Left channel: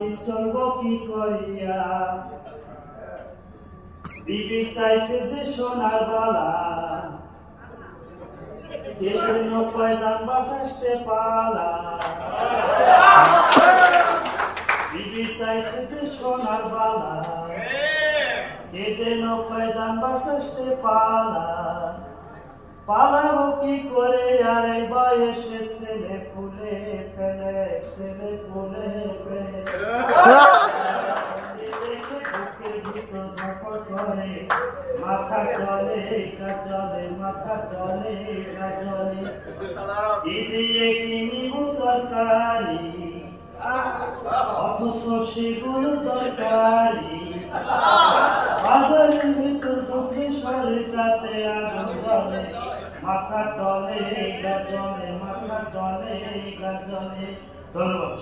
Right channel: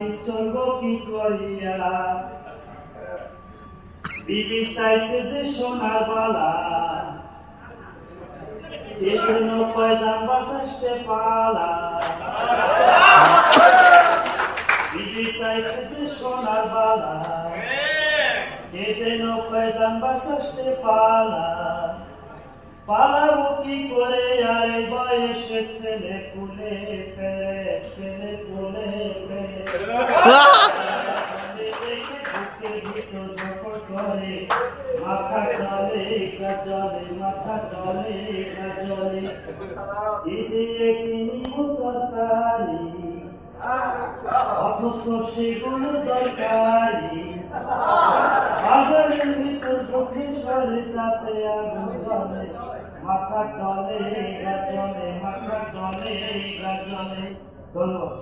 চলবো কি করিয়া বিবি চাইছে যে সোনার বালা সেজন্য পয়দান বাসাইতে পালা বিবি চাইছে যে সোনার বালা সেজন্য পয়দান বাসাইতে পালা পালাবো কি করে আর এই বয়সে ছেলে পুলে পেলে ছেলে পুলে পেলে মাথা চলে কাজলে মাথা চলে কাজলে দিয়ে কিনিব তরকারি অথচ সেগুলো দরকারি বাজারের ভিতর ঢুকে শরীরটাতে আগুন জ্বলে মাথা টলে গাজলে মাথা টলে গাজলে ধন্যবাদ।